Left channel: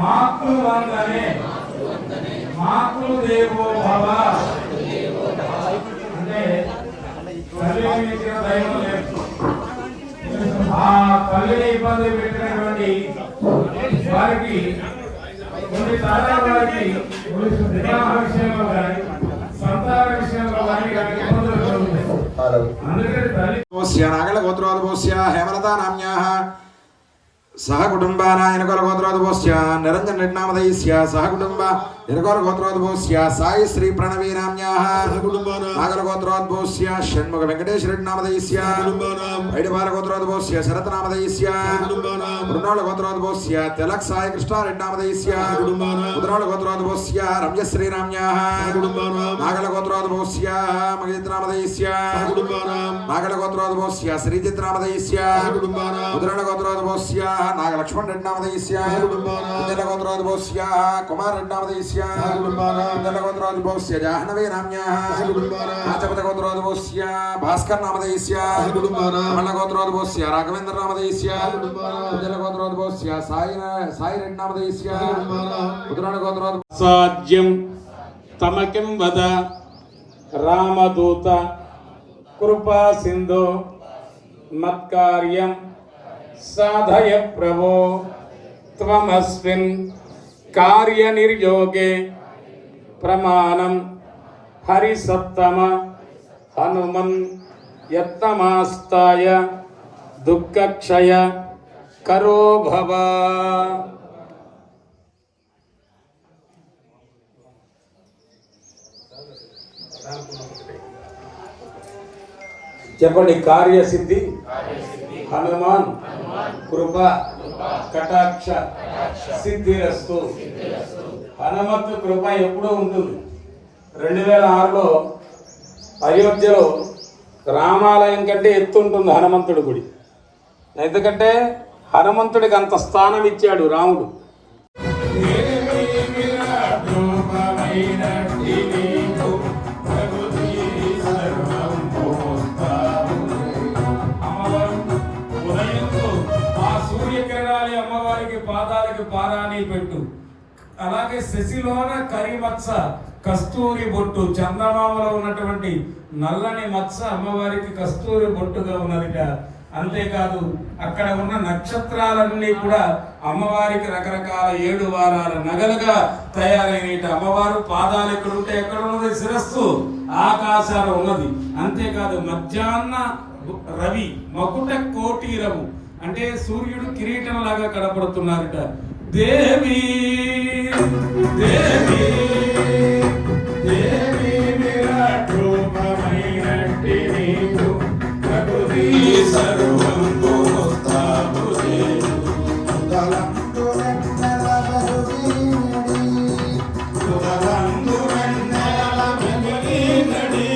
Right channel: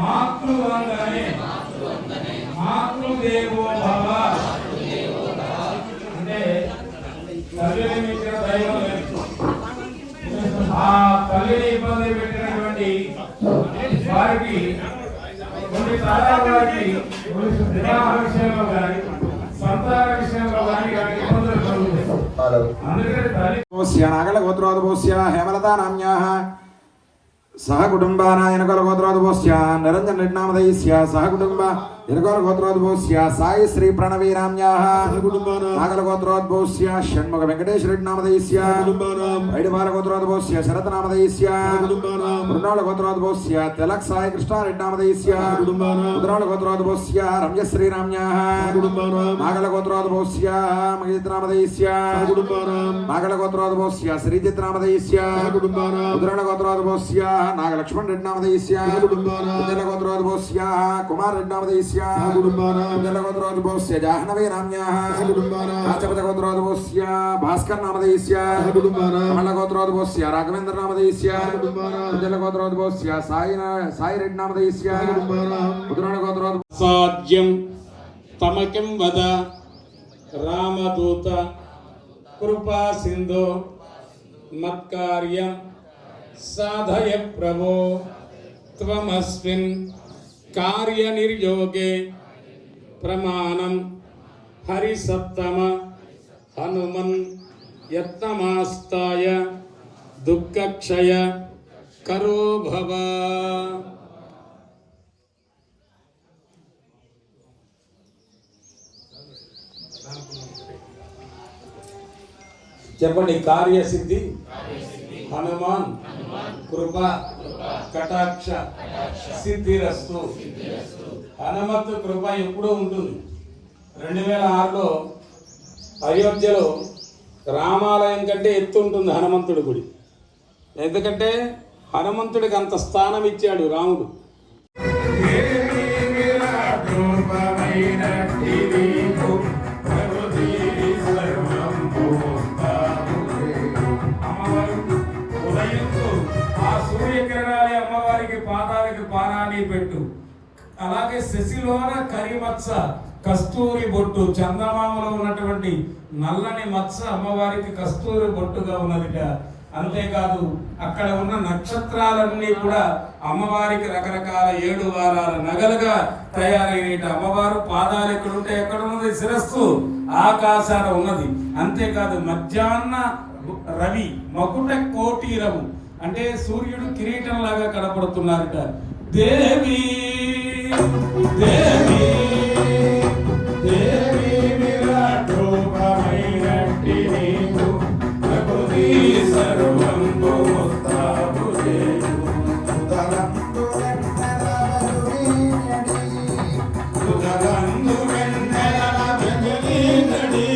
మాతృవందనే మాతృదేవో భవ అంటే తల్లిని మించిన దైవం లేదు. ఆ తల్లిని ఇబ్బంది పెట్టినటువంటి వారికి కొన్ని తరాల వారికి వివాహ విషయంలో కానీ సంతాన విషయంలో కానీ ఇబ్బందులు కలుగుతాయి. అందుకని తల్లి నాగల గోత్రోద్భూస్య హేమలతా నామ్యాః సహ కుటుంబానాయన గోత్రోద్భూస్య నిరంజన నిర్నామదైస్య సహ కుటుంబ నిర్గోర గోత్రోద్భూస్య సాయి శ్రీ ప్రణవీ నామ్యాః నాగల గోత్రోద్భూస్య షణ్ముఖ వెంకటేశ్వర నామదైస్య ఐడిపాల గోత్రోద్భూస్య శరత నామదైస్య మృణాళ గోత్రోద్భూస్య తిలక్ సాయి కృష్ణ రెడ్డి నామదైస్య ముద్రాళ గోత్రోద్భూస్య రమ్యశ్రీ నామ్యాః నాగల గోత్రోద్భూస్య మగేంద్ర నామదైస్య నాగల గోత్రోద్భూస్య శ్రీజిత్ నామదైస్య ముద్రాళ గోత్రోద్భూస్య నాగ లక్ష్మణ్ రెడ్డి నామదైస్య ముద్రాళ గోత్రోద్భూస్య కుమార్ రెడ్డి నామదైస్య గోత్రోద్భూస్య జాహ్నవీ నామ్యాః రాజపతి గోత్రోద్భూస్య భాస్కర్ నామదైస్య మల్ల గోత్రోద్భూస్య రాఘవేంద్ర నామదైస్య గోత్రోద్భూస్య సాయి రెడ్డి నామదైస్య ముద్రాళ గోత్రోద్భూస్య సాధ్యం తమకిం వద రామదూత కృపా సింధు మత్కార్యం సాధయ ప్రభో త్వమస్మిన్ కార్యనిర్యోగే ప్రమాణం హరిసత్తమ హనుమన్ యత్నమాస్తాయ దుఃఖక్షయ కరో భవ. చెప్పండి. కార్యసిద్ధి హనుమాన్ కృప కటాక్ష సిద్ధిరస్తు. హనుమత్తు కృప ఎప్పుడూ ఉంటుంది. 2006లో అయోధ్యలో రామాలయం కంటే ఎత్తుంటుంది హనుమంతుడి గుడి. ఎందుకంటే హనుమంతుడికి అంత స్థానం ఇచ్చాడు రాముడు. అమ్మవారికి పాదాలకి పారాణి పెట్టు. అలాగే శశిలోన కరిమత్స కస్తూరి బొట్టు, చందమామలో ఉన్నటువంటి నల్లని మత్స అమ్మవారికి కస్తూరి బొట్టుగా ఉన్నదిట. అంతేకాదు అక్కడ ఉన్న నక్షత్రాలన్నీ కూడా అమ్మవారికి రకరకాల 7 వారాల నగలుగా తయారైన అమ్మవారు పాదాలు ఎక్కడుంటే ఎక్కడ ఉన్నది శిరస్సు ఆకాశాలు ఉన్నది. అంతేకాదు మధ్యాహ్న రవి మకుట కోటీరము అంటే సూర్యుడు కిరీటం లాగా కనపడుతున్నారట. దేవి దేవి దేవి విరాట్ రూపమైనట్టి నీవు ప్రకృతి సర్వంతో వస్తావు దేవు తలంతు వెన్నెల వెన్నెల నడి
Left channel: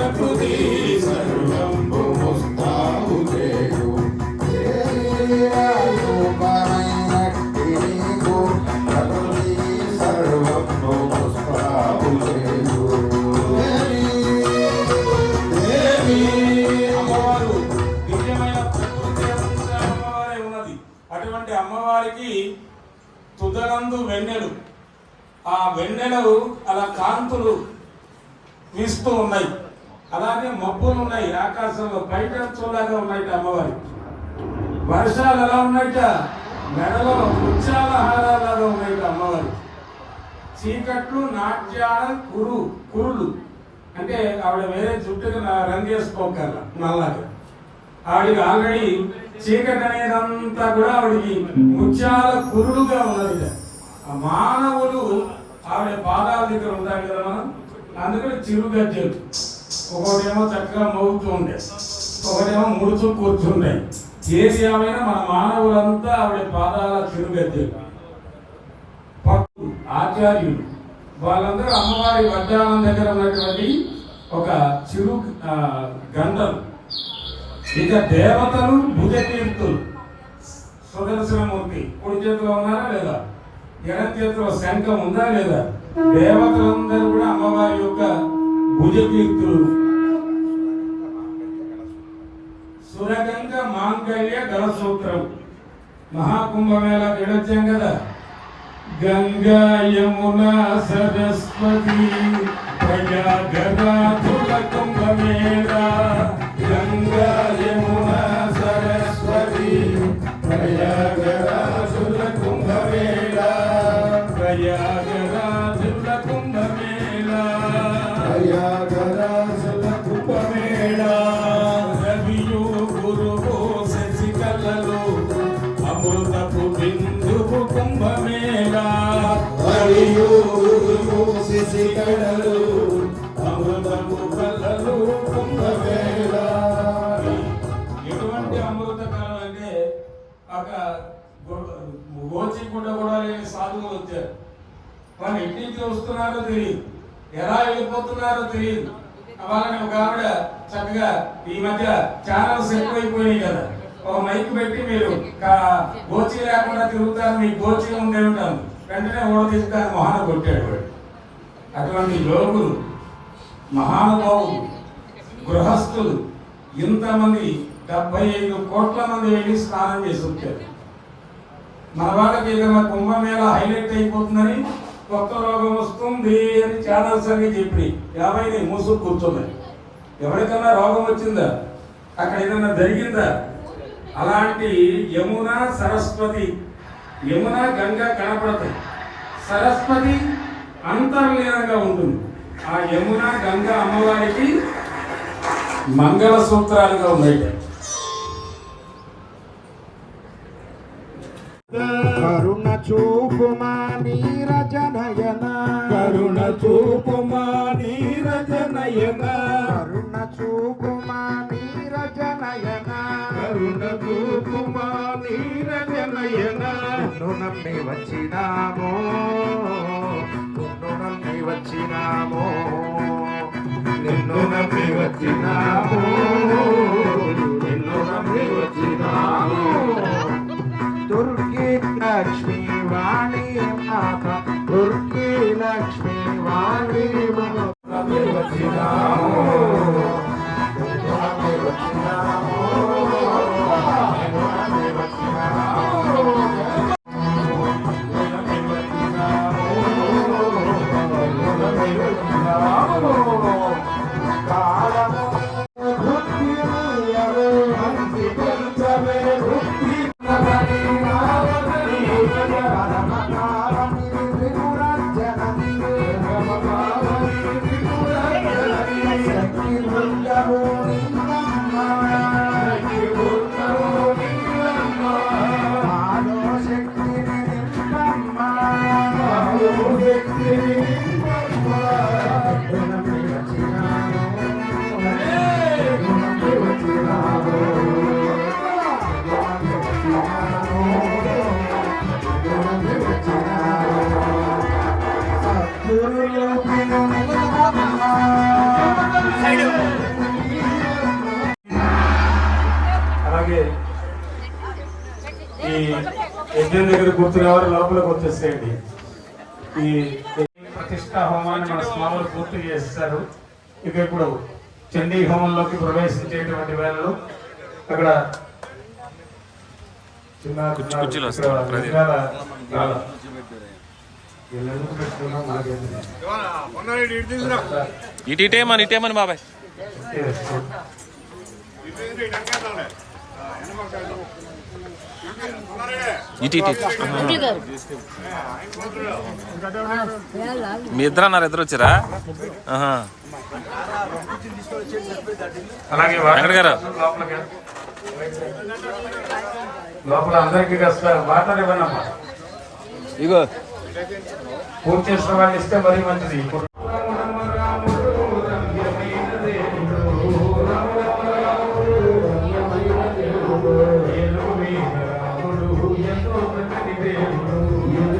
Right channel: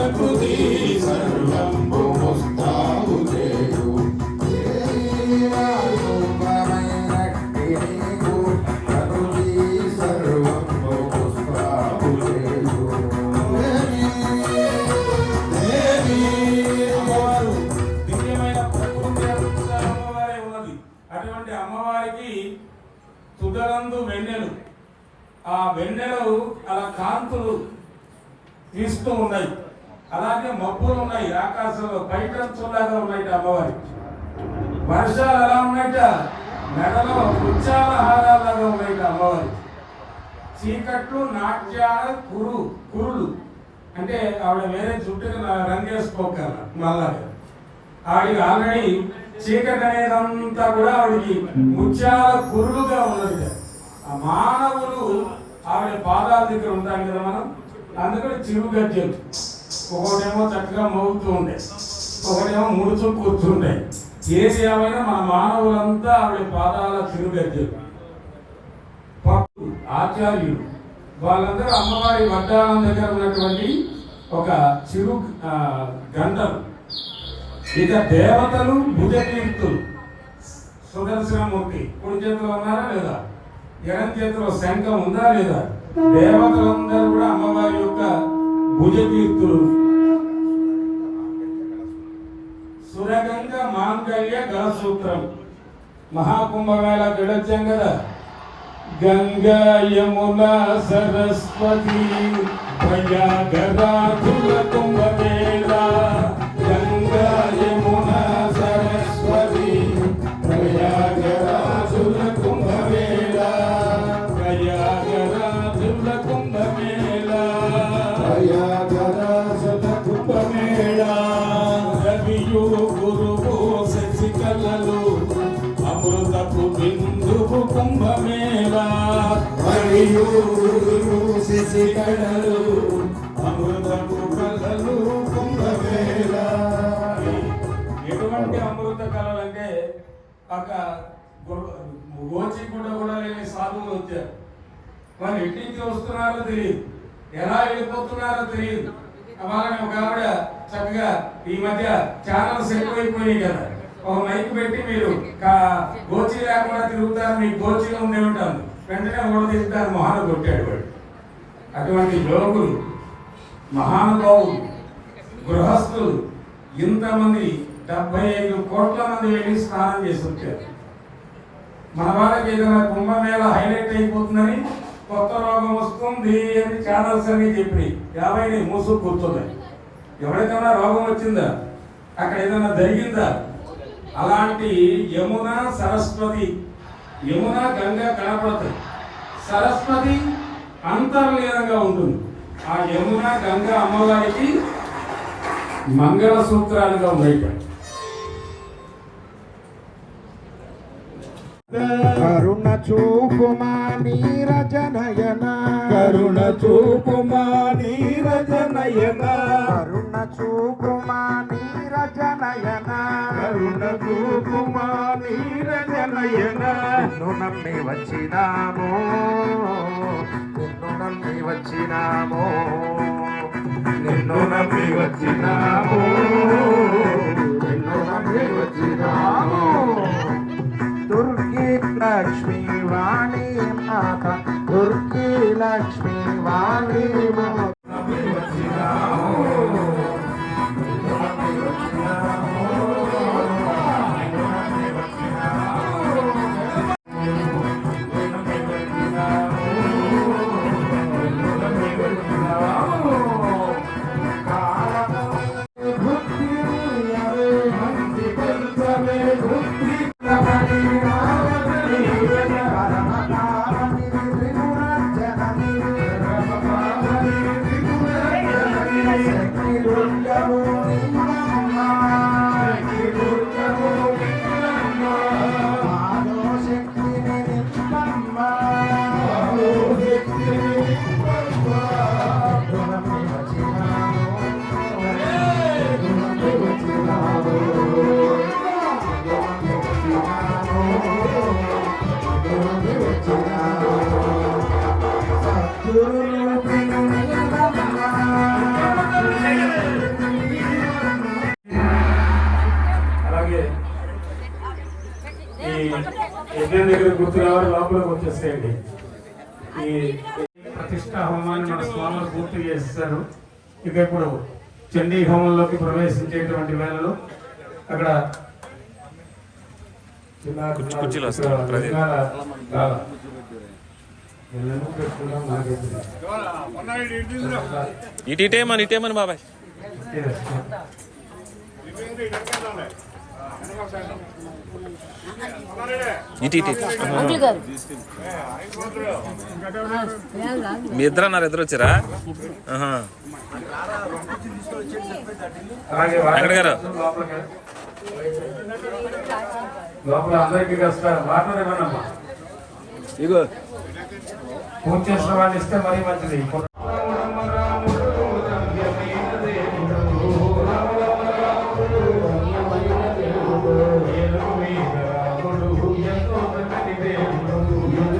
ప్రకృతి సర్వంబు ముస్తాబు చేయు రూపమైనట్టి నీకు ప్రకృతి సర్వము ముస్తాబు చేయు. అమ్మవారు దివ్యమైన ప్రకృతి అమ్మవారే ఉన్నది. అటువంటి అమ్మవారికి తుదరందు వెన్నెలు, ఆ వెన్నెలు అలా కాంతులు వీస్తూ ఉన్నాయి. అలాగే మబ్బులు ఉన్నాయి ఆకాశంలో, బయట చూలాగా ఉన్నాయి అమ్మవారి. వర్షాలు ఎలా ఉన్నాయట, మెడలో ముత్యాల హారాలాగా ఉన్నాయి అమ్మవారి. చీకట్లు నాట్యాల కురులు అంటే ఆవిడ వేరే చుట్టూ రంగేసుకోగల నల్లగా. ఆవిడకి ఆల్రెడీ చీకటి అనేదంతా కూడా ఆవిడికి ముత్యాల కురులుగా ఉన్నది. ఆ మానవులు ఆవిడ పాదాల దగ్గర ఉంటారు కదా మనం, అందుకని చిరు గజ్జలు ఒకటేమో చక్కగా మోగుతూ ఉండే, ఒకటేమో ముడుచు కూర్చుండే. ఏది ఏమైనా మన మానవులంతా ఆవిడ పాదాల చిరు గజ్జలు. ఆచార్యులు వాళ్ళందరూ అమ్మవారి వడ్డానం దగ్గర ఉన్నటువంటి ఒక చిరు గంటలు. ఇక దేవతలు భుజకీర్తులు, సుదర్శనమూర్తి కుడి చేతిలో ఉన్నారా లేదా, ఎడం చేతిలో శంఖం ఉందా లేదా, దేవతలందరూ కూడా అమ్మవారి యొక్క భుజకీర్తులు. సురగంగ మాంగళ్య గలసూత్రం. మహాకుంభమేళాకి వెళ్ళొచ్చాం కదా. గంగా యమున సరస్వతి ప్రయాగరాజుల కుంభమేళా. గంగా యమున సరస్వతి ప్రయాగరాజుల కుంభమేళా. ప్రయాగరాజుల కుంభమేళా. ప్రయాగరాజుల కుంభమేళా. రవియు గురువు శశికళలు అమృతపు బిందువు కుంభమేళా. రవియు గురువు శశికళలు అమృతపు కళలు కుంభమేళా. ఎటువంటి అమృత కళలు అంటే ఒక గోచికుండ కూడా లేని సాధువులు వచ్చారు. వాళ్ళు ఎట్టించి వస్తున్నారో తెలియదు, ఎలా వెళ్ళిపోతున్నారో తెలియదు. వాళ్ళని ఒక ఆవిడ చక్కగా ఈ మధ్య ఛానల్స్ ఎక్కువైపోయినాయి కదా, ఒక మైక్ పెట్టి మీరు గోచి లేకుండా తిరుగుతారు, మీకు గోచి ఉండే ఉంటాను, వెంటనే ఓడ తీసుకుంటారు, మొహాన కొట్టాడు వాడు. అటువంటి యోగులు, మహానుభావులు, గృహస్థులు ఇంతమంది 75 కోట్ల మంది వెళ్ళి స్నానం చేసి వచ్చారు. మన వాళ్ళకి ఏదైనా కుంభమేళ హైలైట్ అయిపోతుందని, కొత్త రోగం వస్తుంది అని ఛానల్స్ అని చెప్పి 50 మూసు కూర్చున్నాయి. ఎవరికైనా రోగం వచ్చిందా, అక్కడ ఏదైనా జరిగిందా? అలాంటి యమున సరస్వతి, యమున గంగా కనపడతాయి, సరస్వతి అంతర్లీనంగా ఉంటుంది. ఆ యమున గంగా అమ్మవారికి మంగళ సూత్రాలుగా ఉన్నాయి. కరుణ చూపుమా నీరజనయన, కరుణ చూపుమా నీరజనయన, కరుణ చూపుమా నీరజనయన, కరుణ చూపుమా నీరజనయన. నిన్ను నమ్మి వచ్చినామో, నిన్ను నమ్మి వచ్చినామో, నిన్ను నమ్మి వచ్చినామో, నిన్ను నమ్మి వచ్చినామో. దుర్గి లక్ష్మీ వాణి మాత, దుర్గి లక్ష్మీ వాణి మాత. Side అలాగే ఈ యజ్ఞం దగ్గర కూర్చునే వారు లోపలికి వచ్చేసేయండి. ఈ ప్రతిష్టా హోమాన్ని మన స్వాములు పూర్తి చేస్తారు. ఇక ఇప్పుడు చండీ హోమంలోకి ప్రవేశించేటువంటి వేళలో అక్కడ కుర్చీలు వస్తాయి. ఇటేమని బాబాయ్ మీ ఇద్దరు అన్నారు, ఇద్దరు వచ్చారా? అలాగే వెంకట గారు లోపల అందరికీ కాస్త మాట్లాడేవన్నమ్మా. ఇగో పూర్తి చేసిన వాళ్ళు ఇస్తే మరీ మంచిది. ఎంతో